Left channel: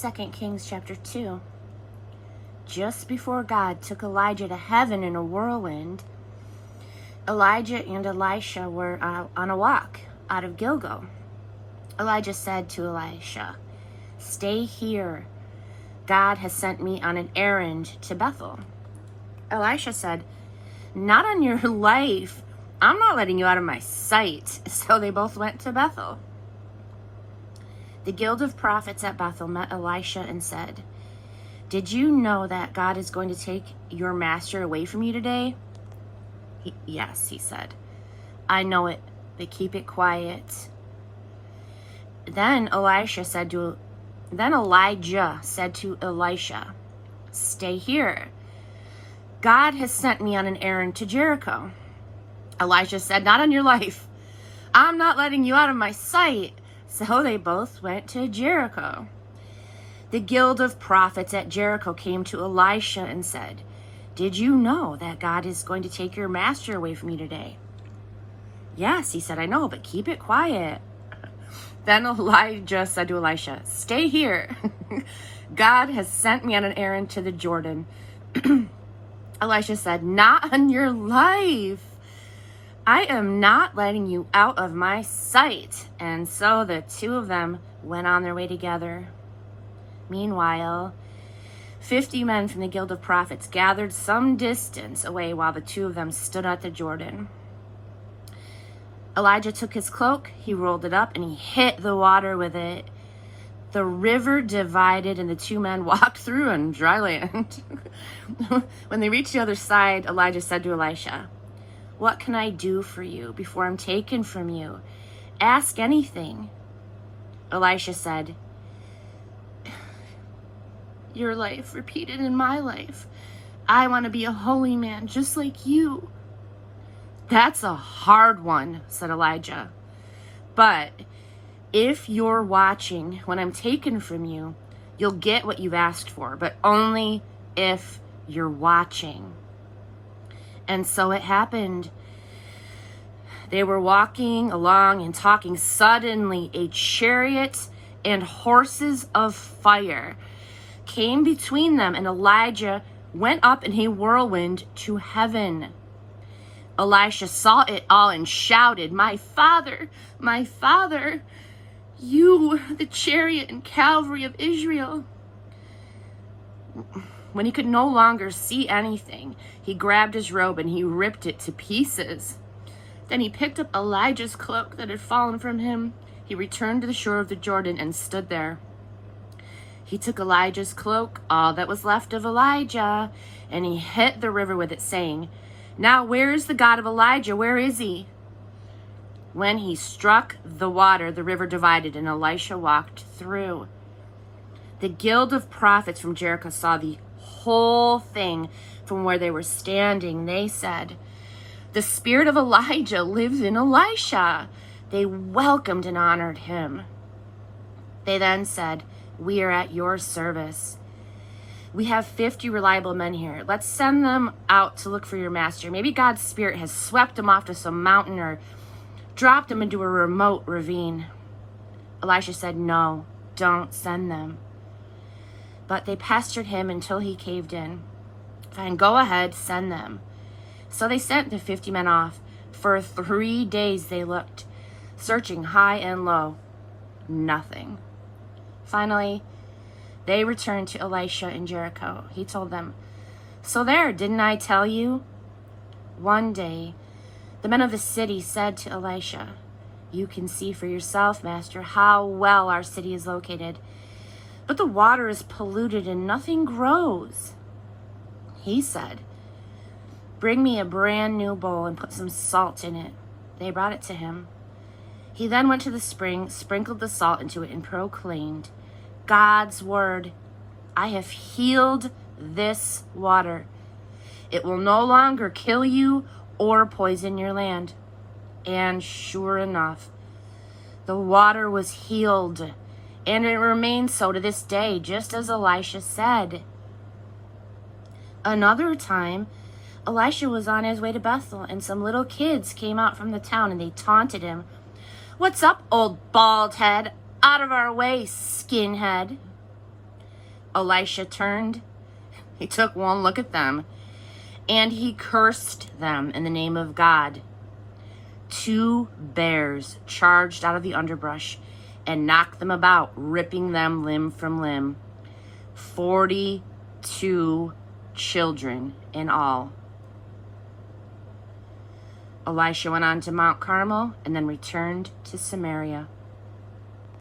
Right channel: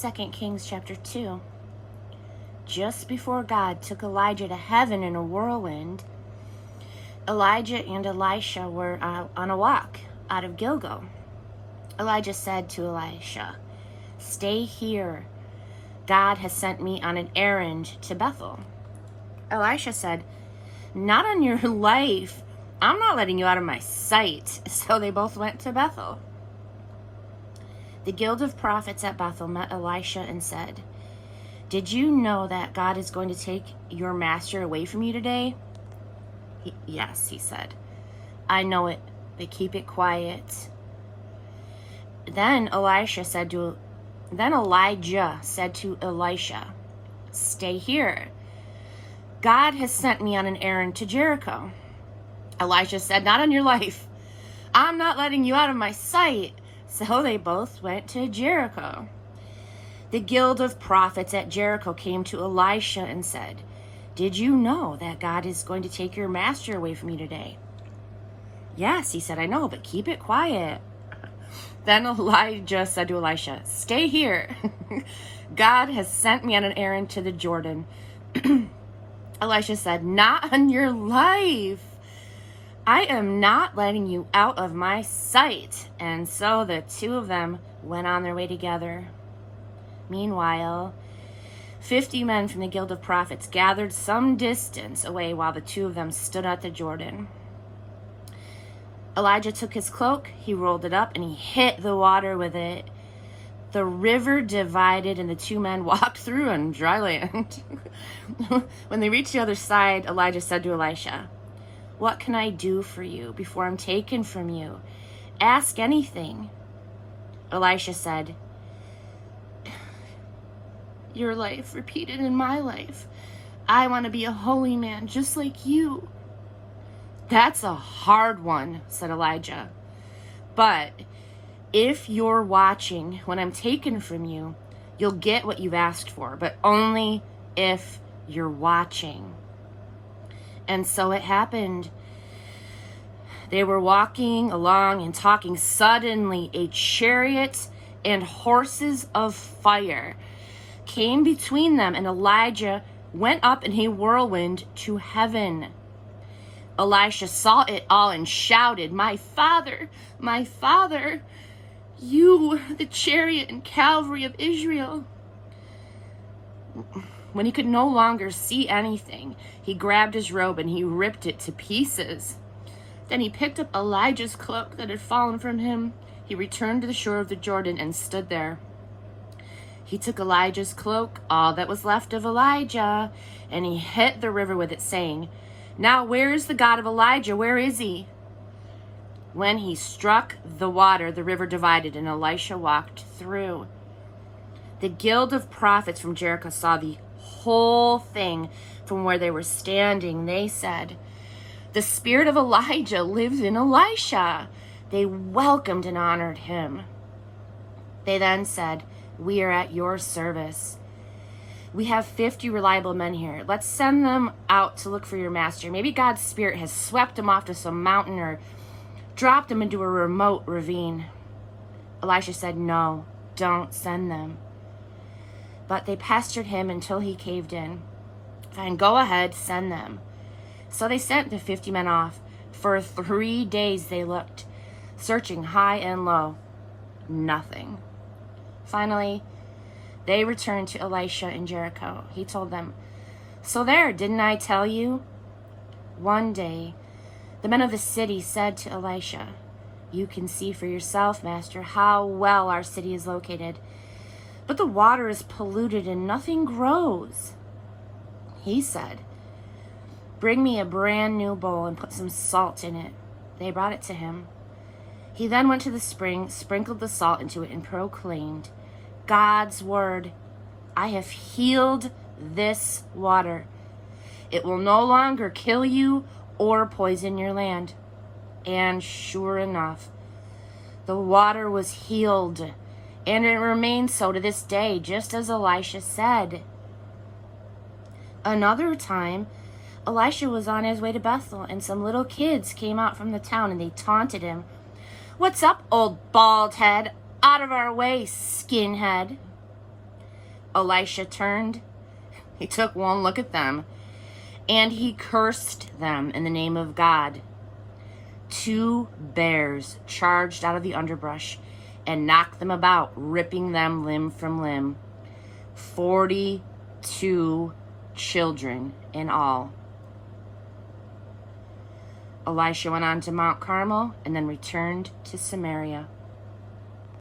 2 Kings chapter 2. Just before God took Elijah to heaven in a whirlwind, Elijah and Elisha were on a walk out of Gilgal. Elijah said to Elisha, "Stay here. God has sent me on an errand to Bethel." Elisha said, "Not on your life. I'm not letting you out of my sight." So they both went to Bethel. The guild of prophets at Bethel met Elisha and said, "Did you know that God is going to take your master away from you today?" "Yes," he said. "I know it, but keep it quiet." Then Elijah said to Elisha, "Stay here. God has sent me on an errand to Jericho." Elisha said, "Not on your life. I'm not letting you out of my sight." So they both went to Jericho. The guild of prophets at Jericho came to Elisha and said, "Did you know that God is going to take your master away from you today?" "Yes," he said, "I know, but keep it quiet." Then Elijah said to Elisha, "Stay here. God has sent me on an errand to the Jordan." Elisha said, "Not on your life. I am not letting you out of my sight." And so the two of them went on their way together. Meanwhile, 50 men from the guild of prophets gathered some distance away while the two of them stood at the Jordan. Elijah took his cloak, he rolled it up, and he hit the water with it. The river divided, and the two men walked through on dry land. When they reached the other side, Elijah said to Elisha, "What can I do for you before I'm taken from you? Ask anything." Elisha said, "Your life repeated in my life. I want to be a holy man just like you." "That's a hard one," said Elijah. "But if you're watching when I'm taken from you, you'll get what you've asked for, but only if you're watching." And so it happened. They were walking along and talking. Suddenly, a chariot and horses of fire came between them, and Elijah went up in a whirlwind to heaven. Elisha saw it all and shouted, my father, you, the chariot and cavalry of Israel." When he could no longer see anything, he grabbed his robe and he ripped it to pieces. Then he picked up Elijah's cloak that had fallen from him. He returned to the shore of the Jordan and stood there. He took Elijah's cloak, all that was left of Elijah, and he hit the river with it, saying, "Now where is the God of Elijah? Where is he?" When he struck the water, the river divided, and Elisha walked through. The guild of prophets from Jericho saw the whole thing from where they were standing. They said, "The spirit of Elijah lives in Elisha." They welcomed and honored him. They then said, "We are at your service. We have 50 reliable men here. Let's send them out to look for your master. Maybe God's spirit has swept him off to some mountain or dropped him into a remote ravine." Elisha said, "No, don't send them." But they pestered him until he caved in. "Fine, go ahead, send them." So they sent the 50 men off. For 3 days they looked, searching high and low. Nothing. Finally, they returned to Elisha in Jericho. He told them, "So there, didn't I tell you?" One day, the men of the city said to Elisha, "You can see for yourself, master, how well our city is located. But the water is polluted and nothing grows." He said, "Bring me a brand new bowl and put some salt in it." They brought it to him. He then went to the spring, sprinkled the salt into it, and proclaimed, "God's word, I have healed this water. It will no longer kill you or poison your land." And sure enough, the water was healed, and it remains so to this day, just as Elisha said. Another time, Elisha was on his way to Bethel, and some little kids came out from the town, and they taunted him. "What's up, old bald head? Out of our way, skinhead." Elisha turned, he took one look at them, and he cursed them in the name of God. 2 bears charged out of the underbrush and knocked them about, ripping them limb from limb. 42 children in all. Elisha went on to Mount Carmel and then returned to Samaria.